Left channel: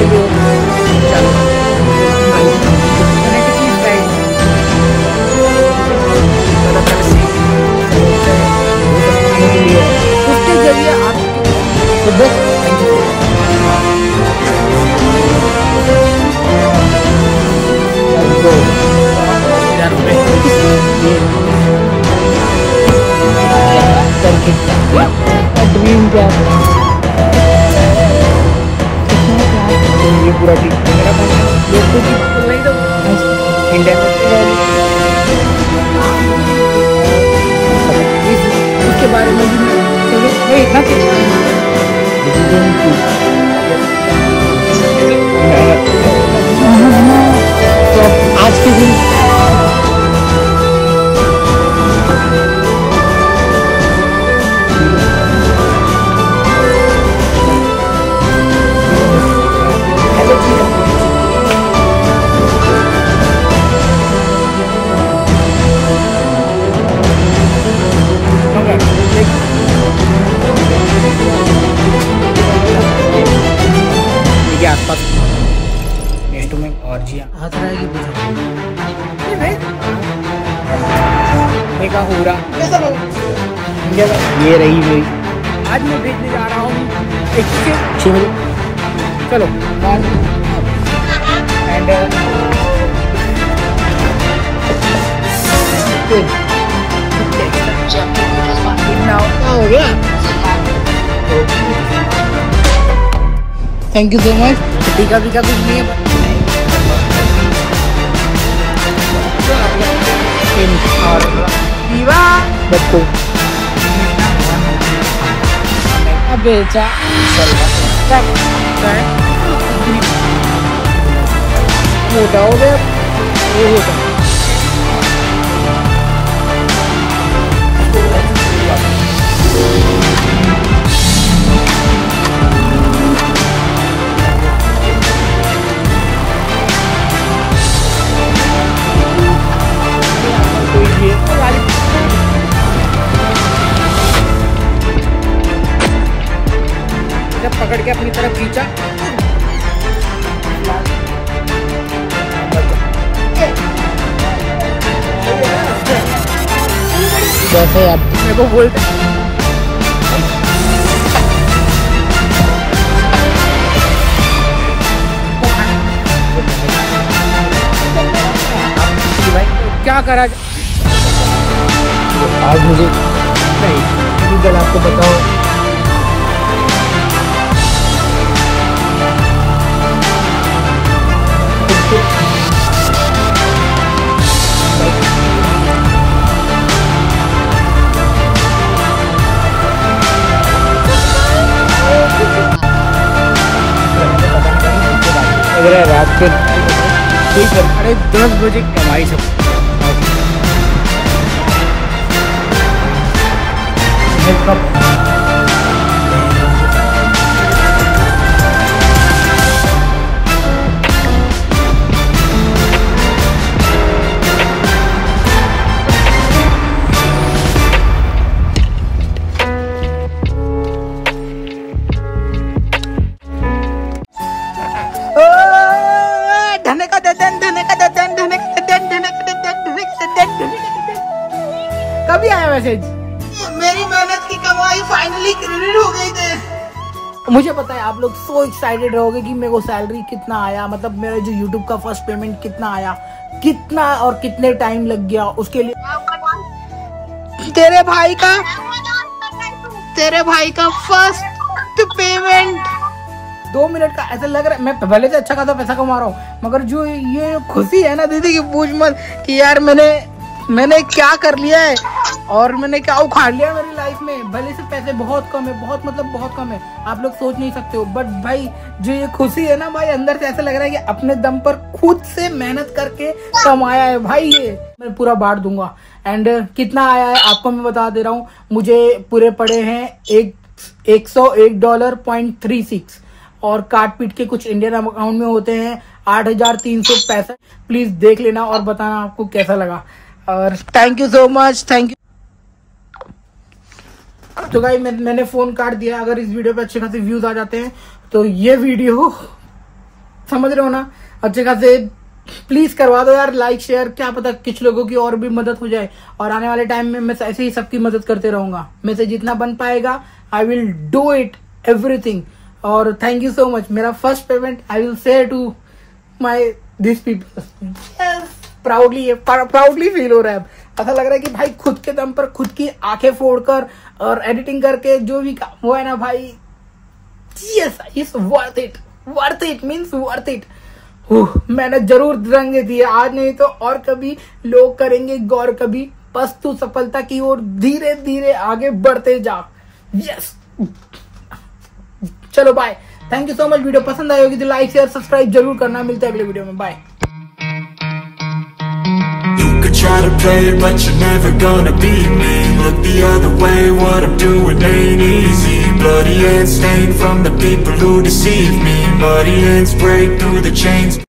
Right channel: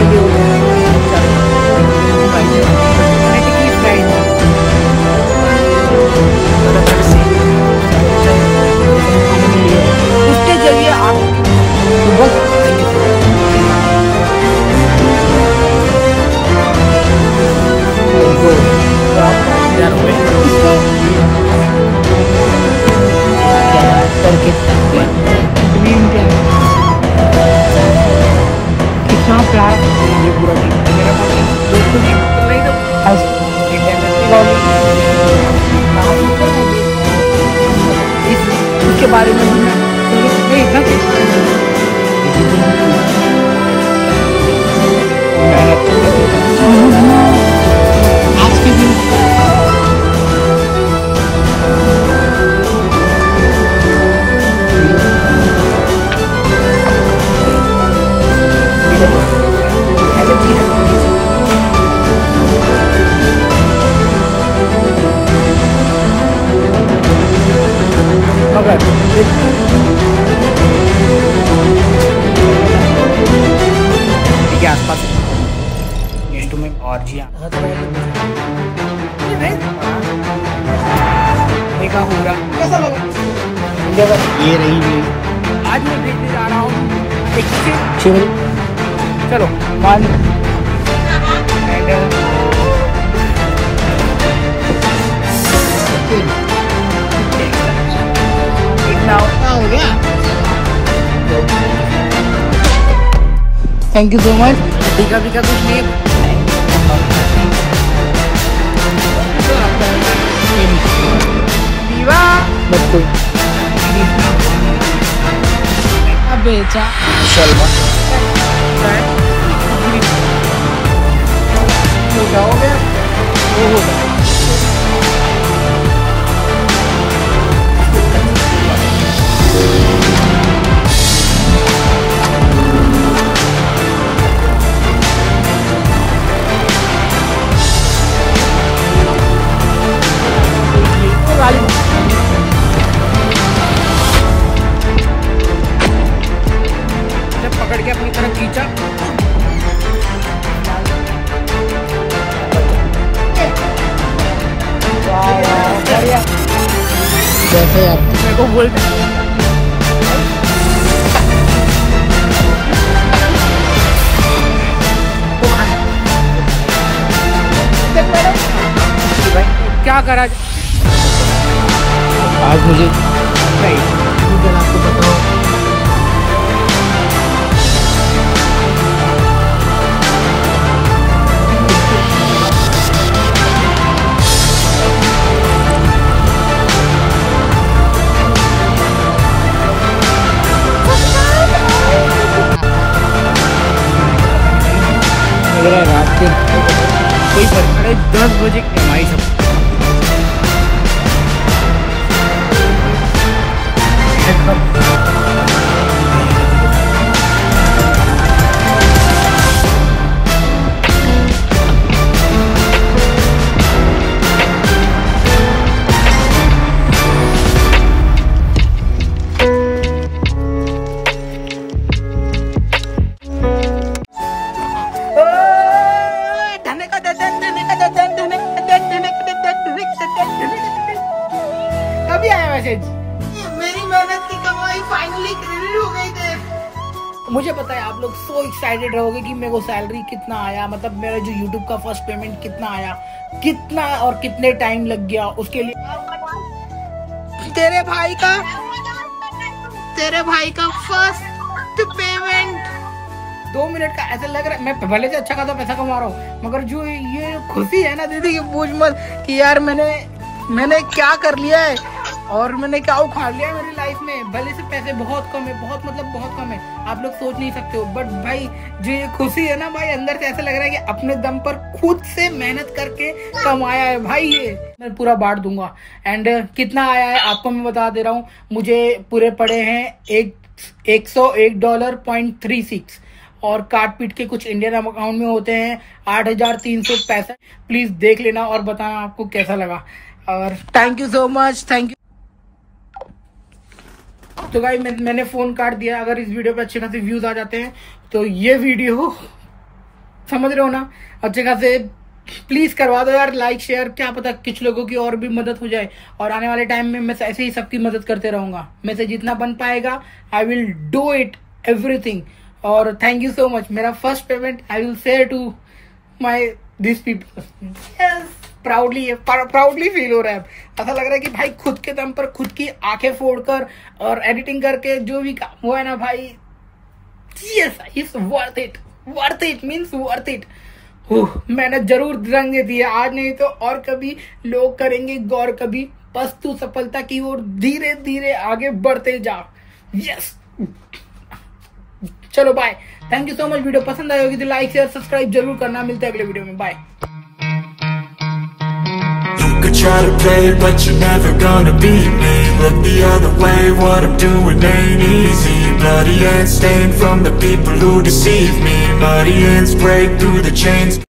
के लिए चलो की प्राइस खाने के लिए उसके जरिए आप तो बस थैंक यू। 2000 रुपये करके ड्रीम क्या कितना प्यार ये पूरा टीम मेरा कंटेंट दोस्तों की नहीं तो इंडियन उसके बारे में भी चलो मैं इतना तो आज के दिन आसपास नेटो में और जिया हो रहा ये रही मेरी आज मैं भेजने जा रहा हूँ चलो एंड कितना हो गया। Thank you so much. टीका वीका कुछ नहीं है बच्चों बेचा मोटा हो गया वो होता है। जब पकड़ के अपनी तरफ खींचा जैसे आप मेरे को बोलते भाई क्या करा आज मुझे नहीं गल आपको बताओ रात के कोई फर्क 10 बजे हमारी सब कभी आया मैसेज मेरी मेहनत की कमाई फाइनली क्रेडिट हो गई थी। मुझे पता है आप लोग सो एक्साइटेड रहोगे कि मेरे को सैलरी कितना आया, मतलब मेरा जो YouTube का फर्स्ट पेमेंट कितना आया, कितना और कितने टाइम लग गया उसके लिए। तेरे भाई का फर्स्ट पेमेंट 2 मिनट का ऐसा लग रहा है। मैं पहले से अच्छा खासा पैसा कमा रहा हूँ, मगर जो ये खुशी है ना दीदी की पूछ मत कि यार मैंने क्या कर लिया है और मैंने क्या उखाड़ लिया मेरी लाइफ में। भले से पैसे बहुत कम है, बहुत मतलब बहुत कम है, आप लोग सोच नहीं सकते हो, बट भाई जो ये खुशी है ना भाई, अंदर से ऐसा लग रहा है कि अपने दम पर खुद से मेहनत करके कमाया है भाई। ये मैं पूरा बांट दूंगा। एंड कितना आया है आपको मैं बता दे रहा हूँ। मुझे पूरे पड़े हैं $101.36 और काट पीट के कुछ इंडियन अकाउंट में होते हैं 8,365। प्लीज देख लेना और बताना आपको कैसा लगा। और thank you so much, thank you. तो गाइस मैंने फोन काट दिया। अगर इस वीडियो पे अच्छे खासे व्यूज आ जाते हैं तो ये वीडियो समझ रहे हो ना, अच्छे खासे प्लीज करवा दो यार लाइक शेयर, क्या पता कुछ लोगों की और भी मदद हो जाए। और आने वाले टाइम में मैं ऐसे ही सबकी मदद करते रहूंगा, मैं से जितना बन पाएगा I will do it everything. और थैंक यू सो मच, मेरा first payment I will share to my this people. Proudly feel हो रहा है, ऐसा लग रहा है कि भाई खुद के दम पर खुद की आंखें फोड़कर और एडिटिंग करके जो भी वो है ना भाई, yes it's worth it means worth it. मेहनत जरूर रंग दी है, आज नहीं तो और कभी लोग करेंगे गौर, कभी बस तू सफलता की ओर धीरे धीरे आगे बढ़ते जा। यस चलो bye, thank you so much. Video पसंद आई होगी तो लाइक शेयर सब्सक्राइब जरूर करना, मिलते हैं अगले वीडियो में, bye. Could try to play, but you're never gonna beat me. Look the other way, what I'm doing ain't easy. Bloody hands stained from the people who deceive me. Muddy hands break through the chains.